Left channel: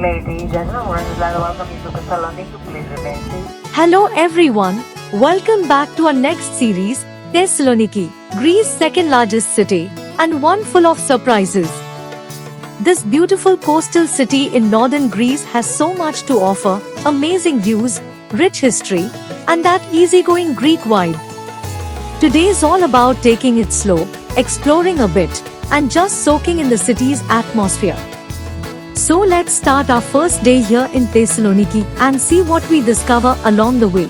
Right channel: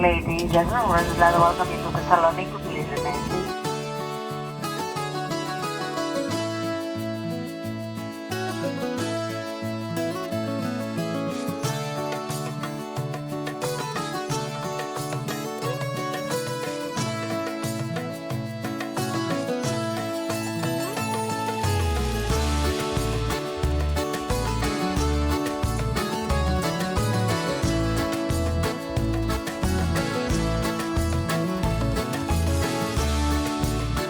Ladies and gentlemen, welcome you to Thessaloniki. Please remain seated. Hello everyone, welcome back to our next series, Thessaloniki, Greece's second largest city, and one full of surprises. This beautiful coastal city in northern Greece has so much to offer, amazing views, rich history, and that easygoing Greek vibe. Today is all about taking it slow, exploring a bit, and just soaking in the city's atmosphere. So let's start our first day here in Thessaloniki and see what we discover along the way.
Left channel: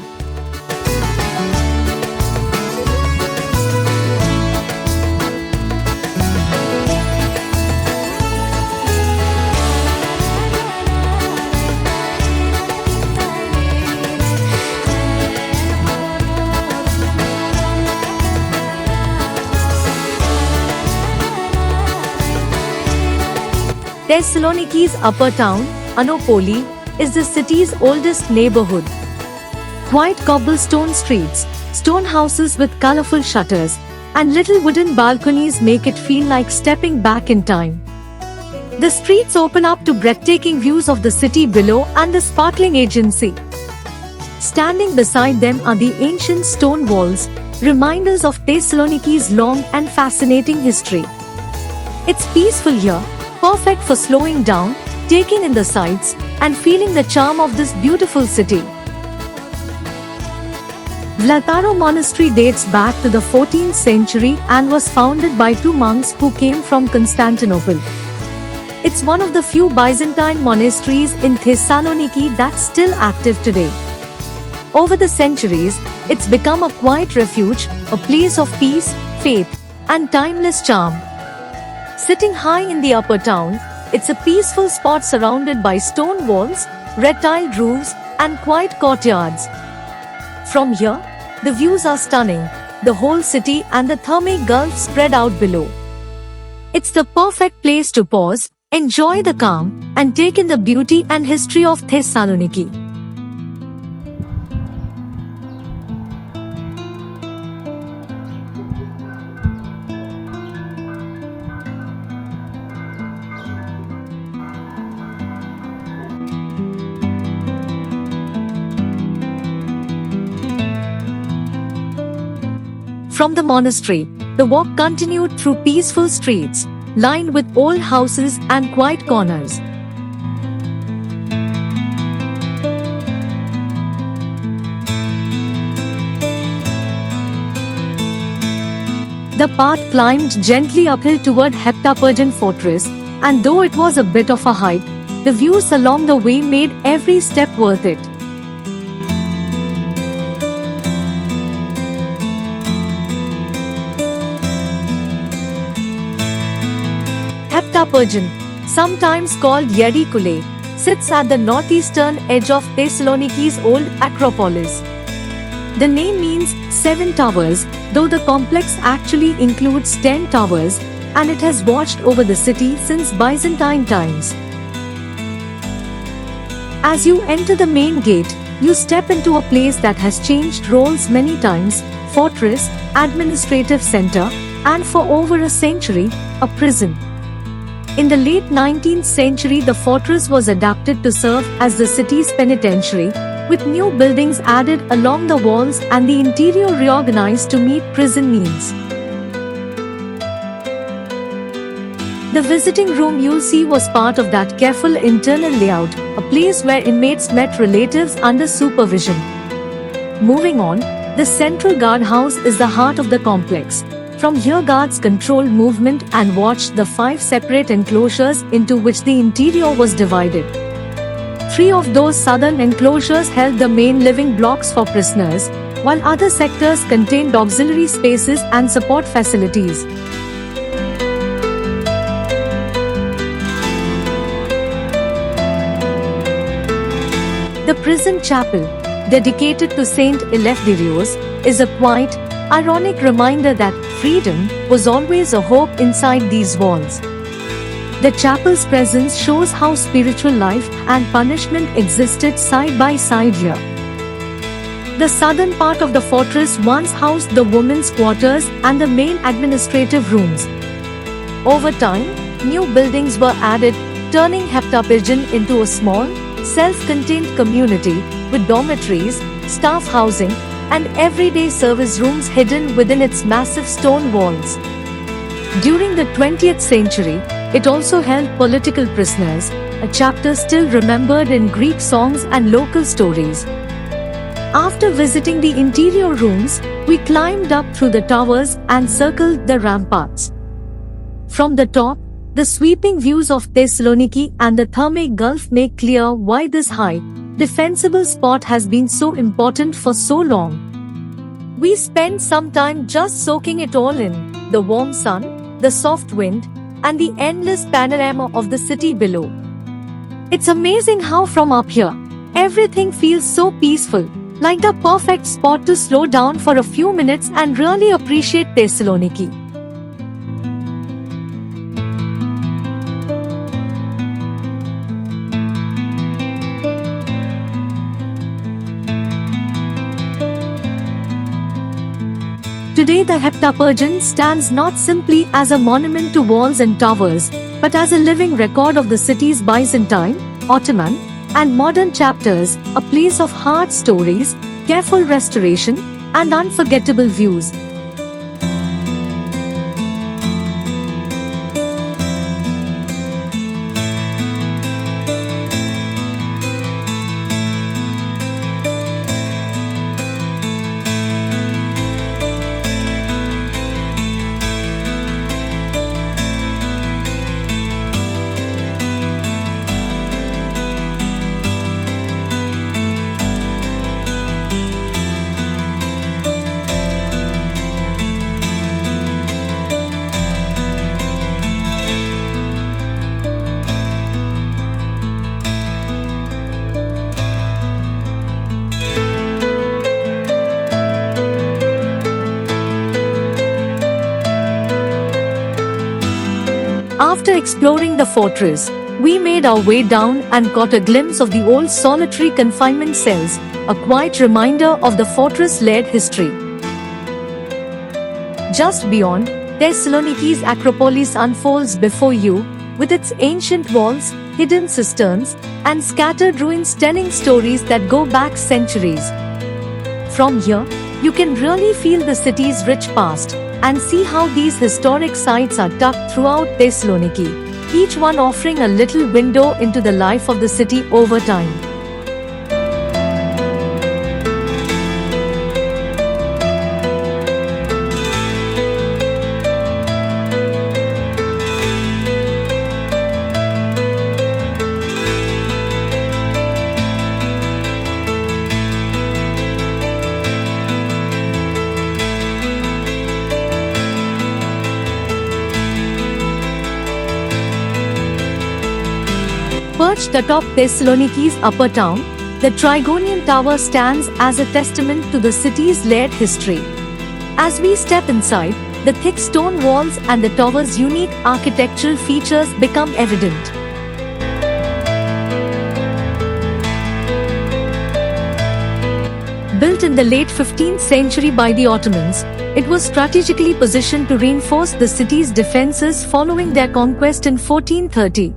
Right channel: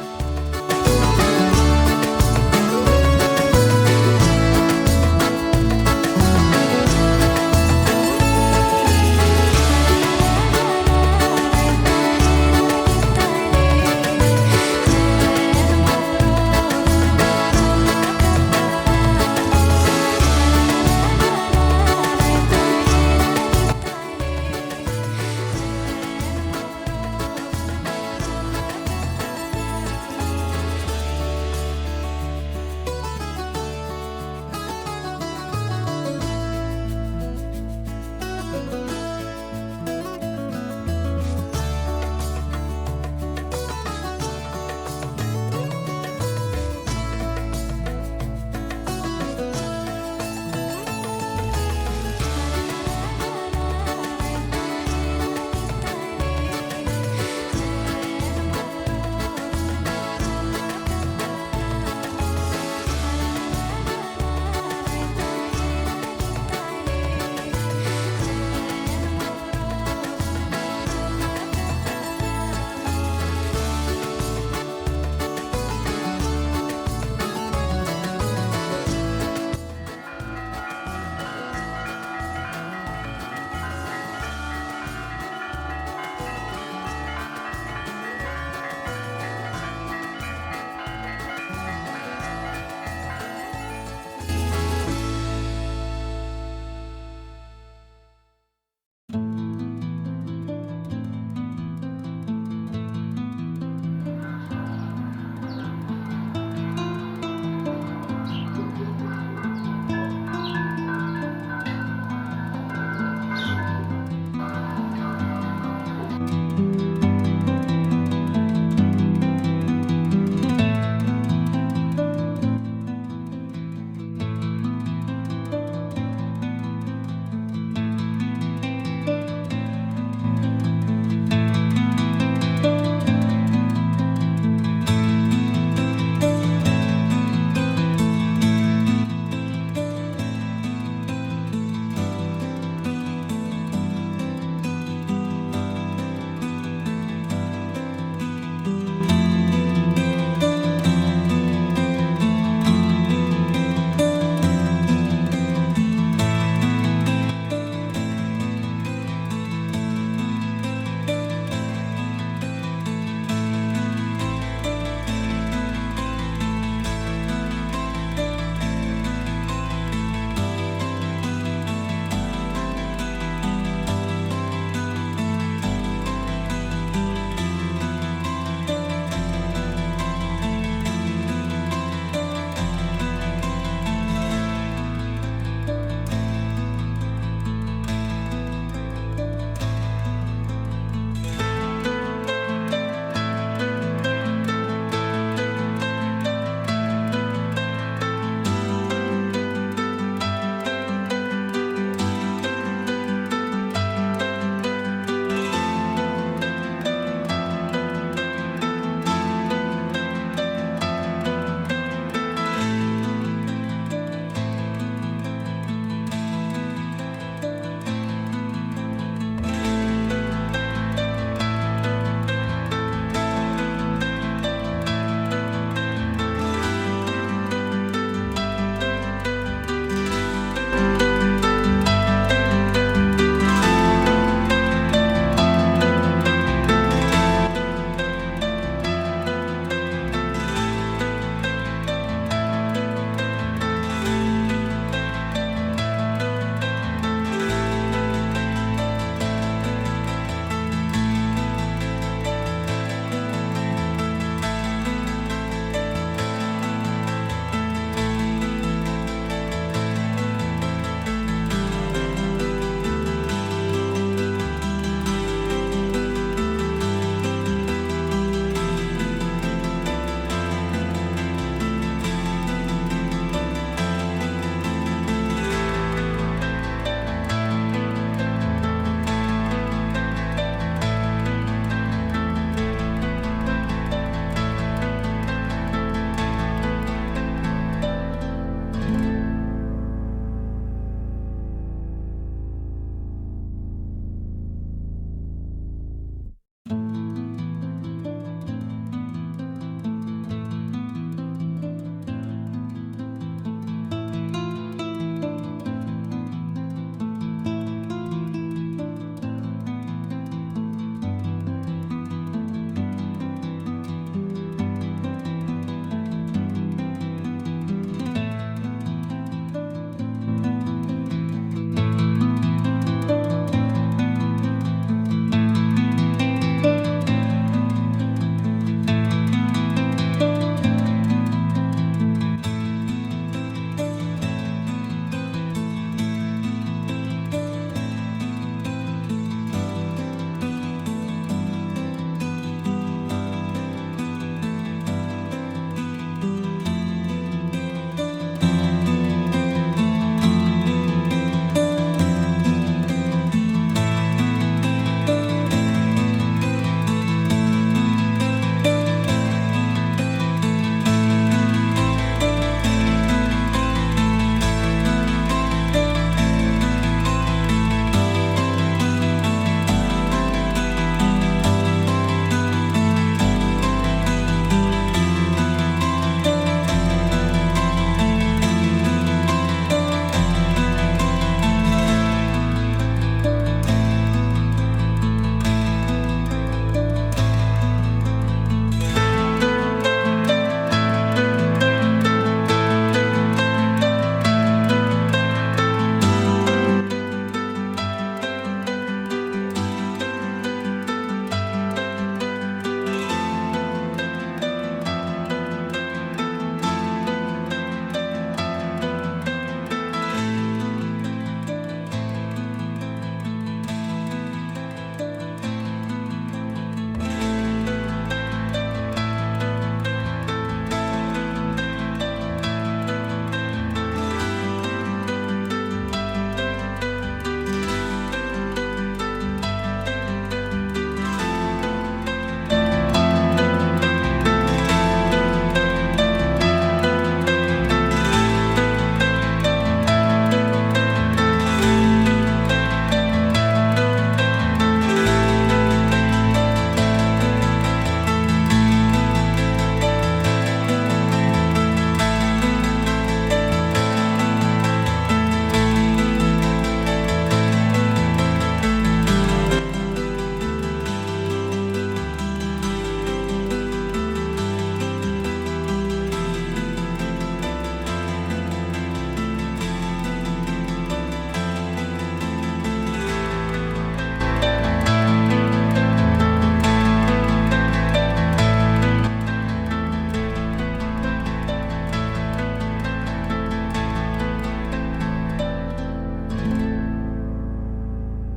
Thessaloniki's upper town, Anopoli, is the city's oldest neighborhood. White cobblestone streets, stone houses with colorful shutters, and little wooden balconies make it feel like stepping back in time. The streets open up to breathtaking views of the city below and the sparkling Aegean Sea. Standing beside them are the ancient stone walls, reminders of Thessaloniki's long and fascinating history. It's peaceful here, perfect for slowing down, taking in the sights, and feeling the charm of this beautiful city. Vlataro Monastery dates back to the 14th century and was founded by two monks who came from Constantinople. It's one of the few Byzantine monasteries in Thessaloniki that's still active today. Over the centuries, it's become a quiet refuge, a place of peace, faith, and timeless charm. Sitting high in the upper town, it's a peaceful spot surrounded by stone walls, red-tiled roofs, and quiet courtyards. From here, the views are stunning, the whole city and the Thermae Gulf spread out below. It's the perfect place to pause, enjoy the calm, and take in the beauty and history of Thessaloniki. From the monastery, the walk continued through peaceful streets, lined with old houses and quiet corners. The path climbed gently uphill toward Heptapergin Fortress, and though it was a bit of a hike, the views along the way made every step worth it. Heptapergin, sometimes called Yerikule, sits at the northeastern edge of Thessaloniki's old Acropolis. The name means 7 towers, though the complex actually includes 10 towers, and it has watched over the city since Byzantine times. As you enter the main gate, you step into a place that has changed roles many times: fortress, administrative center, and for over a century, a prison. In the late 19th century, the fortress was adapted to serve as the city's penitentiary, with new buildings added along the walls and the interior reorganized to meet prison needs. The visiting room you'll see was part of that careful internal layout, a place where inmates met relatives under supervision. Moving on, the central guardhouse is the heart of the complex. From here, guards control movement and watched the 5 separate enclosures into which the interior was divided. 3 of those southern enclosures held the main living blocks for prisoners, while other sectors contained auxiliary spaces and support facilities. The prison chapel, dedicated to Saint Eleftherios, is a quiet, ironic reminder that freedom was always a hope inside these walls. The chapel's presence shows how spiritual life and punishment existed side by side here. The southern part of the fortress once housed the women's quarters and the main administrative rooms. Over time, new buildings were added, turning Heptaburgen into a small, self-contained community with dormitories, staff housing, and everyday service rooms hidden within its massive stone walls. During the 20th century, it also held political prisoners, a chapter still remembered in Greek songs and local stories. After visiting the interior rooms, we climbed up through the towers and circled the ramparts. From the top, the sweeping views of Thessaloniki and the Thermae Gulf make clear why this high, defensible spot has been so important for so long. We spent some time just soaking it all in, the warm sun, the soft wind, and the endless panorama of the city below. It's amazing how from up here, everything feels so peaceful, like the perfect spot to slow down for a few minutes and really appreciate Thessaloniki. Today the Heptaburgen stands not simply as a monument to walls and towers, but as a living record of the city's Byzantine, Ottoman, and modern chapters, a place of hard stories, careful restoration, and unforgettable views. After exploring the fortress, we made our way down and caught a glimpse of the old solitary confinement cells, a quiet reminder of the fortress-led history. Just beyond, Thessaloniki's Acropolis unfolds before you, with its ancient walls, hidden cisterns, and scattered ruins telling stories that go back centuries. From here, you can really feel the city's rich past and see how these historic sites are tucked throughout Thessaloniki, each one offering a little window into the life of the city over time. Perched atop Thessaloniki's upper town, the Trigonian Tower stands as a testament to the city's layered history. As we step inside, the thick stone walls and the tower's unique architectural features become evident. Built in the late 15th century by the Ottomans, it was strategically positioned to reinforce the city's defenses following their conquest in 1430.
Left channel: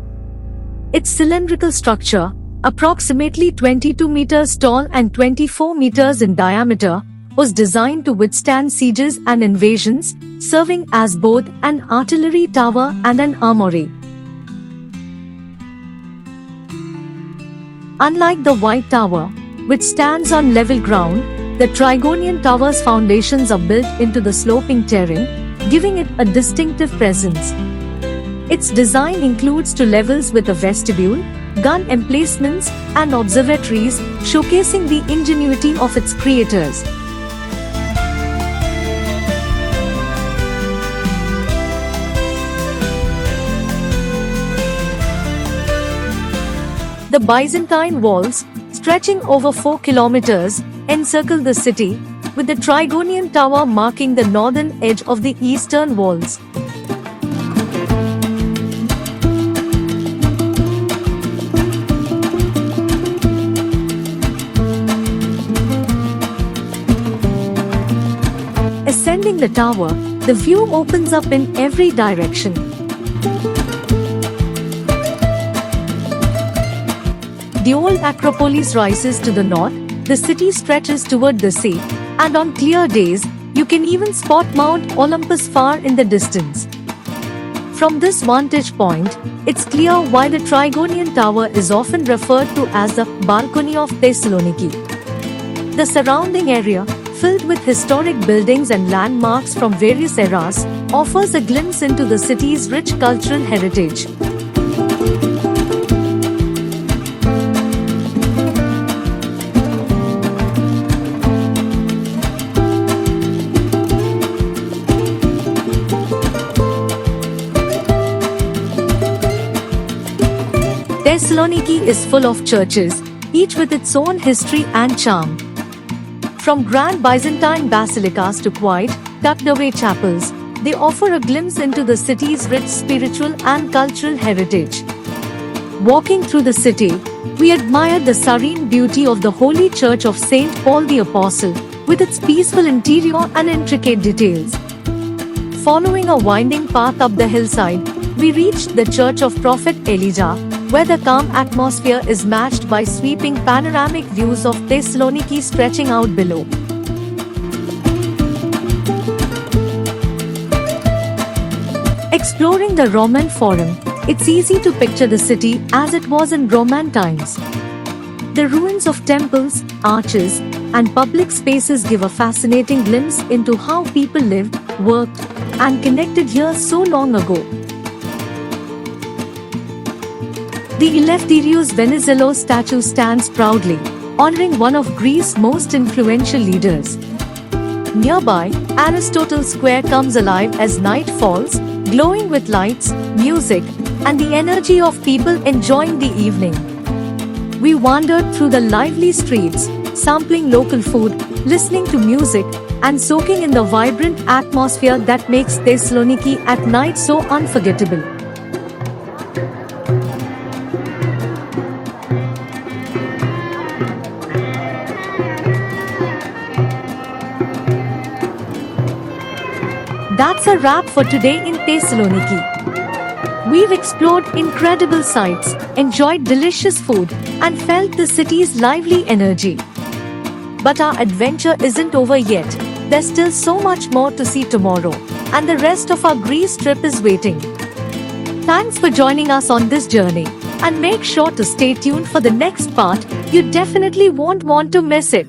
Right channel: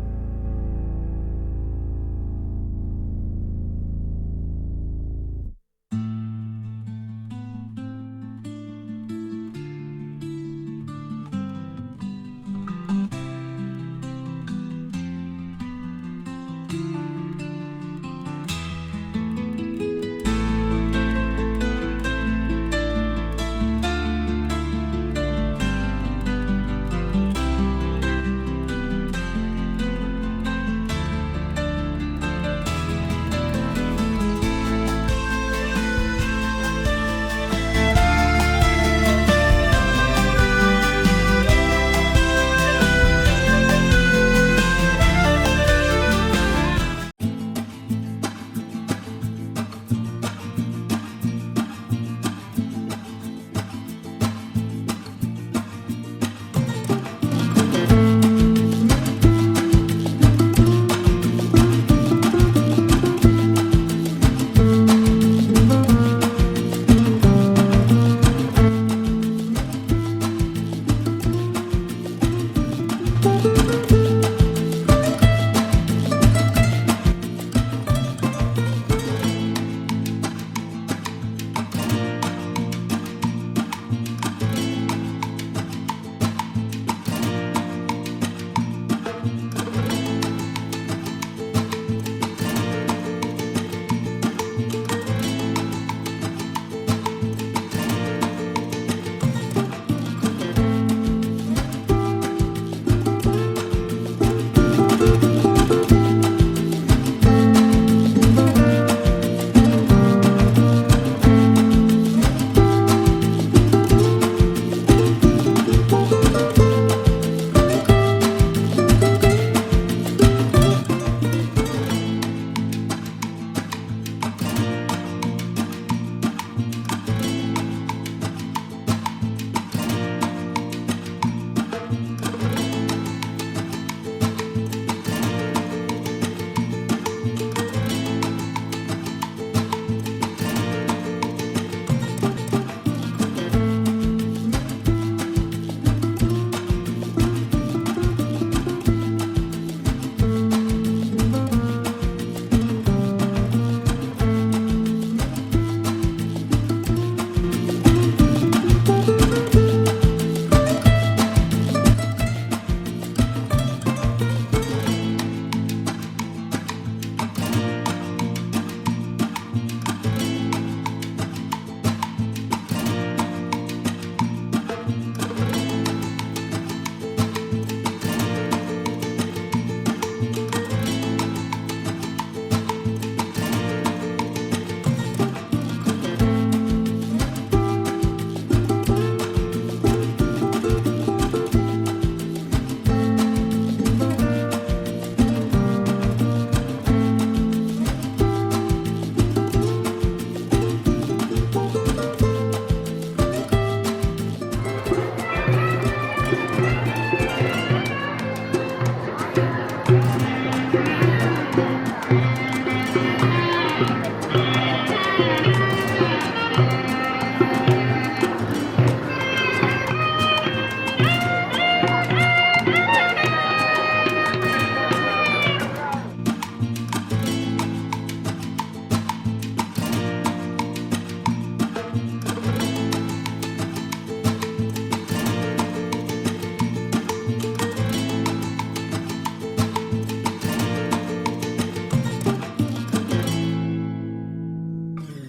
Its cylindrical structure, approximately 22 meters tall and 24 meters in diameter, was designed to withstand sieges and invasions, serving as both an artillery tower and an armory. Unlike the White Tower, which stands on level ground, the Trigonian Tower's foundations are built into the sloping terrain, giving it a distinctive presence. Its design includes two levels with a vestibule, gun emplacements, and observatories, showcasing the ingenuity of its creators. The Byzantine walls, stretching over 4 kilometers, encircle the city, with the Trigonian Tower marking the northern edge of the eastern walls. Ascending the tower, the view opens up in every direction. The old Acropolis rises to the north, the city stretches toward the sea, and on clear days, you can even spot Mount Olympus far in the distance. From this vantage point, it's clear why the Trigonian Tower is often referred to as the balcony of Thessaloniki. The surrounding area, filled with historic buildings and landmarks from various eras, offers a glimpse into the city's rich cultural heritage. Thessaloniki is full of churches, each with its own history and charm. From grand Byzantine basilicas to quiet, tucked-away chapels, they offer a glimpse into the city's rich spiritual and cultural heritage. Walking through the city, we admire the serene beauty of the Holy Church of St. Paul the Apostle, with its peaceful interior and intricate details. Following a winding path up the hillside, we reached the Church of Prophet Elijah, where the calm atmosphere is matched by sweeping panoramic views of Thessaloniki stretching out below. Exploring the Roman Forum, it's easy to picture the city as it was in Roman times. The ruins of temples, arches, and public spaces give a fascinating glimpse into how people lived, worked, and connected here so long ago. The Eleftherios Venizelos statue stands proudly, honoring one of Greece's most influential leaders. Nearby, Aristotle Square comes alive as night falls, glowing with lights, music, and the energy of people enjoying the evening. We wandered through the lively streets, sampling local food, listening to music, and soaking in the vibrant atmosphere that makes Thessaloniki at night so unforgettable. That's a wrap for today in Thessaloniki. We've explored incredible sights, enjoyed delicious food, and felt the city's lively energy. But our adventure isn't over yet. There's still so much more to see tomorrow, and the rest of our Greece trip is waiting. Thanks for joining us on this journey, and make sure to stay tuned for the next part. You definitely won't want to miss it.